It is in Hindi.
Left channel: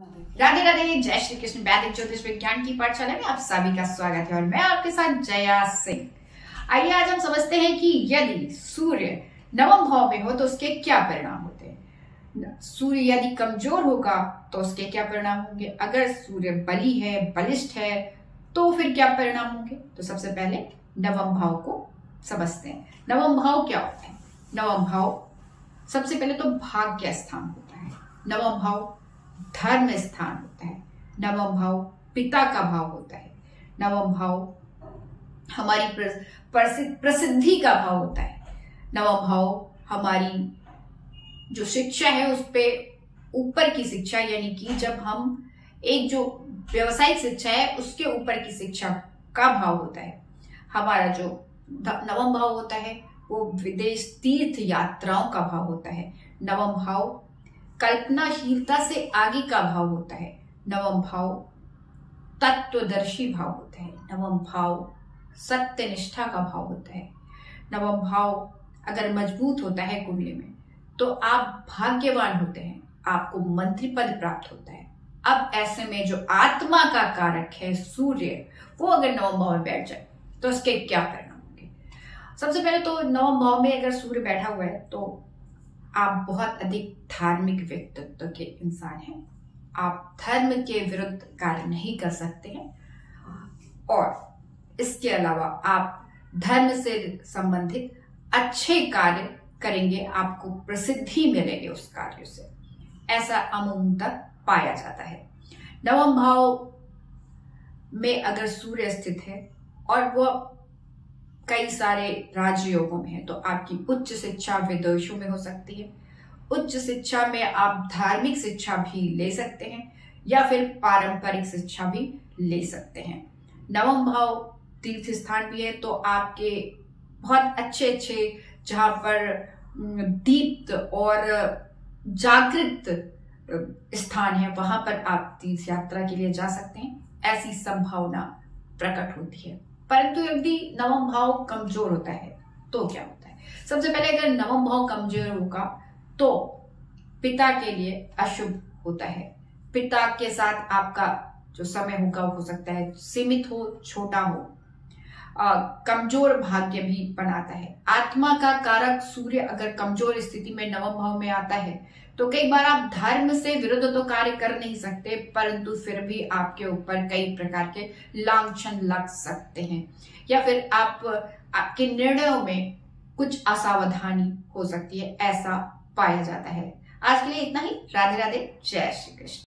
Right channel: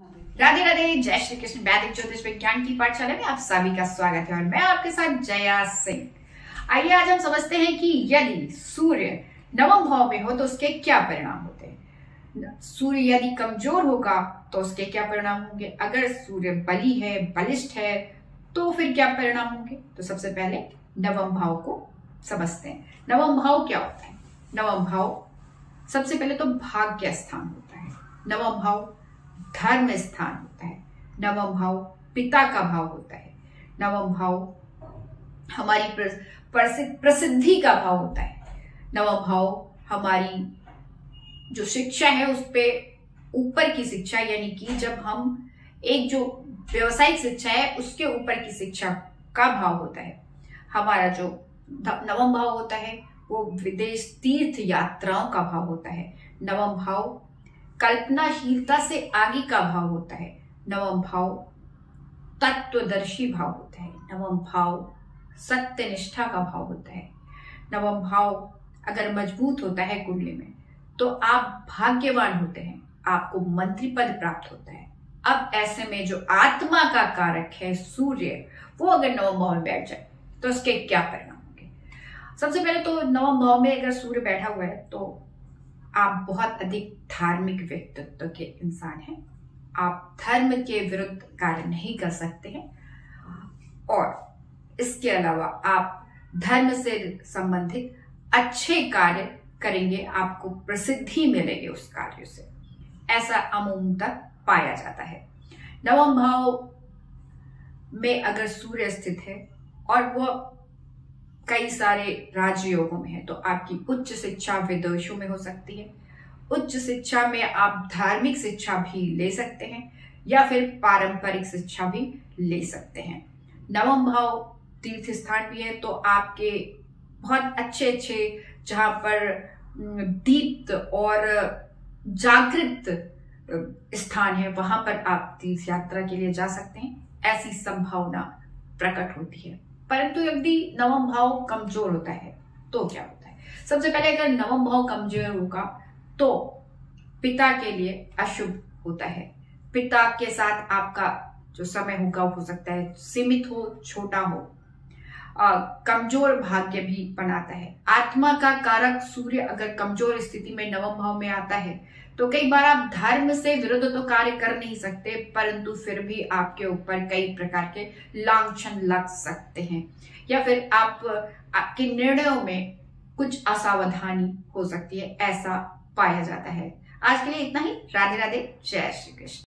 राधे राधे, जय श्री कृष्ण। वैदिक ज्योतिष विज्ञान की पाठशाला में आप सभी का स्वागत है और मैं आपके साथ जया सिंह। आइए आज हम समझते हैं कि यदि सूर्य नवम भाव में हो तो उसके क्या परिणाम होते हैं। सूर्य यदि कमजोर होगा तो उसके क्या परिणाम होंगे। अगर सूर्य बली है, बलिष्ठ है तो फिर क्या परिणाम होंगे। तो सबसे पहले नवम भाव को समझते हैं। नवम भाव क्या होता है। नवम भाव सबसे पहले तो भाग्य स्थान होता है। नवम भाव धर्म स्थान होता है। नवम भाव पिता का भाव होता है। नवम भाव हमारी प्रसिद्धि का भाव होता है। नवम भाव हमारी जो शिक्षा है उस पे ऊपर की शिक्षा, यानी कि जब हम एक जो व्यवसायिक शिक्षा है उसके ऊपर की शिक्षा का भाव होता है। हमारा जो नवम भाव होता है वो विदेश तीर्थ यात्राओं का भाव होता है। नवम भाव कल्पनाशीलता से आगे का भाव होता है। नवम भाव तत्वदर्शी भाव होता है। नवम भाव सत्यनिष्ठा का भाव होता है। नवम भाव अगर मजबूत होता है कुंडली में तो आप भाग्यवान होते हैं, आपको मंत्री पद प्राप्त होता है। अब ऐसे में जो आत्मा का कारक है सूर्य, वो अगर नवम भाव में बैठ जाए तो उसके क्या परिणाम होंगे। सबसे पहले तो नवम भाव में अगर सूर्य बैठा हुआ है तो आप बहुत अधिक धार्मिक व्यक्तित्व के इंसान हैं। आप धर्म के विरुद्ध कार्य नहीं कर सकते हैं और इसके अलावा आप धर्म से संबंधित अच्छे कार्य करेंगे, आपको प्रसिद्धि मिलेगी उस कार्य से, ऐसा अमूमतः पाया जाता है। नवम भाव में अगर सूर्य स्थित है और वह कई सारे राजयोगों में है तो आपकी उच्च शिक्षा विदेशों में हो सकती है। उच्च शिक्षा में आप धार्मिक शिक्षा भी ले सकते हैं या फिर पारंपरिक शिक्षा भी ले सकते हैं। नवम भाव तीर्थ स्थान भी है तो आपके बहुत अच्छे अच्छे जहां पर दीप्त और जागृत स्थान है वहां पर आप तीर्थ यात्रा के लिए जा सकते हैं। ऐसी संभावना प्रकट होती है। परंतु यदि नवम भाव कमजोर होता है तो क्या होता है। सबसे पहले अगर नवम भाव कमजोर होगा तो पिता के लिए अशुभ होता है। पिता के साथ आपका जो समय होगा हो सकता है सीमित हो, छोटा हो, कमजोर भाग्य भी बनाता है। आत्मा का कारक सूर्य अगर कमजोर स्थिति में नवम भाव में आता है तो कई बार आप धर्म से विरुद्ध तो कार्य कर नहीं सकते, परंतु फिर भी आपके ऊपर कई प्रकार के लांछन लग सकते हैं या फिर आपके निर्णयों में कुछ असावधानी हो सकती है, ऐसा पाया जाता है। आज के लिए इतना ही। राधे राधे, जय श्री कृष्ण।